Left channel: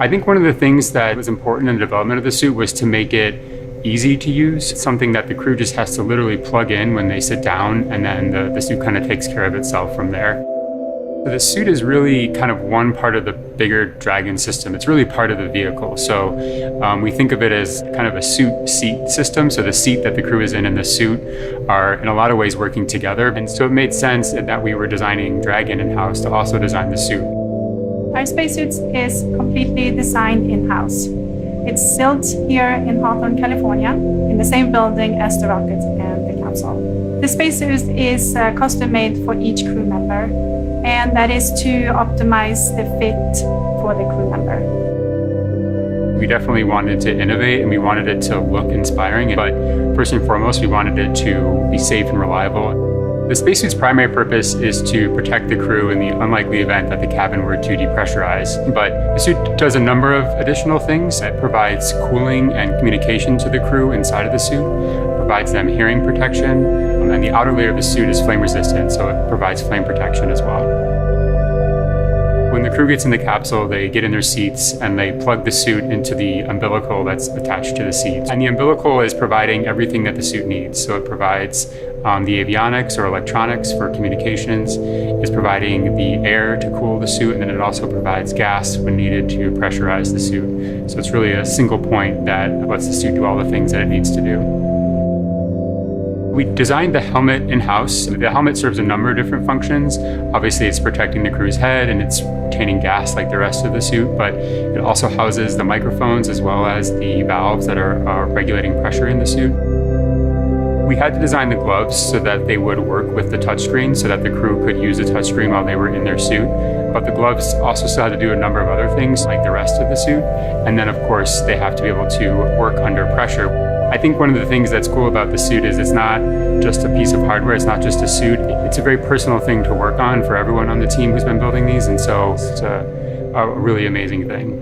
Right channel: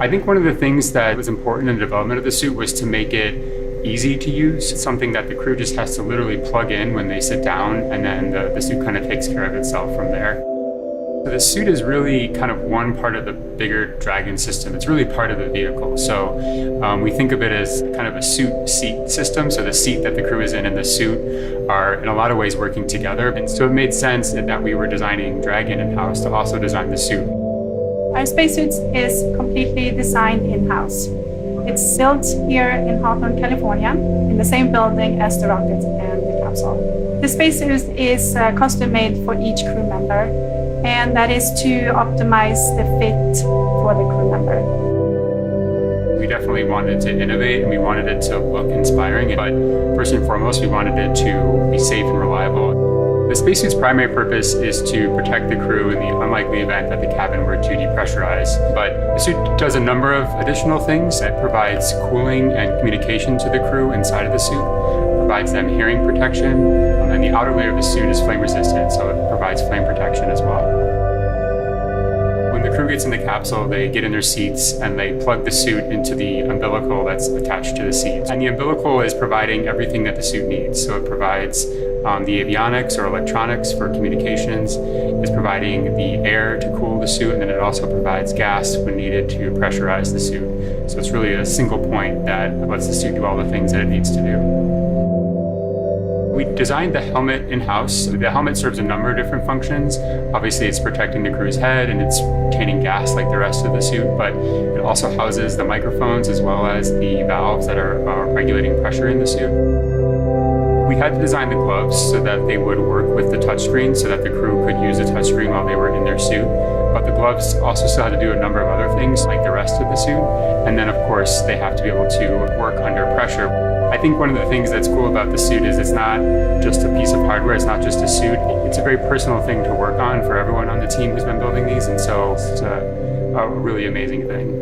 I think one of the things that was important in the development of the suit was to make it easy to use, something that the crew just has to literally plug in when they sit down, and then the suit kind of takes care of itself from there. So the suit is really kind of one part of the bigger Dragon system. It's really part of the vehicle. So we think of it as kind of a suit seat system. So the seat that the crew is in and the suit are in a lot of ways working together. And so it made sense that we were designing Dragon in-house to also design the suit. Our spacesuit is completely designed in-house. It's built here in Hawthorne, California, in the same building as the rocket and the capsule. The spacesuit is custom made for each crew member, and that is to optimize the fit for the crew member. We definitely wanted to innovate, and we wanted it to look inspiring, but first and foremost, we wanted it to be safe and reliable. The spacesuit's primary purpose is to protect the crew in the unlikely event that the cabin were to depressurize. But the suit does a number of additional things. It provides cooling and communication to the crew inside of the suit, provides them hearing protection, and the outer layer of the suit is flame resistant, so it provides flame protection as well. When the crew gets in the capsule, they get in their seats and they plug the suit into the umbilical that's attached to the seat. And the umbilical is providing everything that the suit needs. So it provides the avionics or electronics for communications, it's providing the air to cool the suit, and then it also provides gas when needed to pressurize the suit. So it's really a single point that lets the suit do all the things that it needs to do. We designed the helmet in-house. The helmet serves a number of different functions. Obviously, it's protecting the crew's head and it's retaining gas like the rest of the suit, but it also houses the microphones as well as the valves that are regulating pressure in the suit. We had to design the gloves so that they would work with the touchscreen so that the crew could use the touchscreen while they were in their suit. But the gloves also still had to do a number of other things like the rest of the suit. And then, of course, they have to be able to work under pressure. I think one of the things that's cool about the suit is it's not just a piece of hardware, it's not just a suit. It's a very personal thing to work on for everyone on the team who's been building these, and so it's a really amazing thing.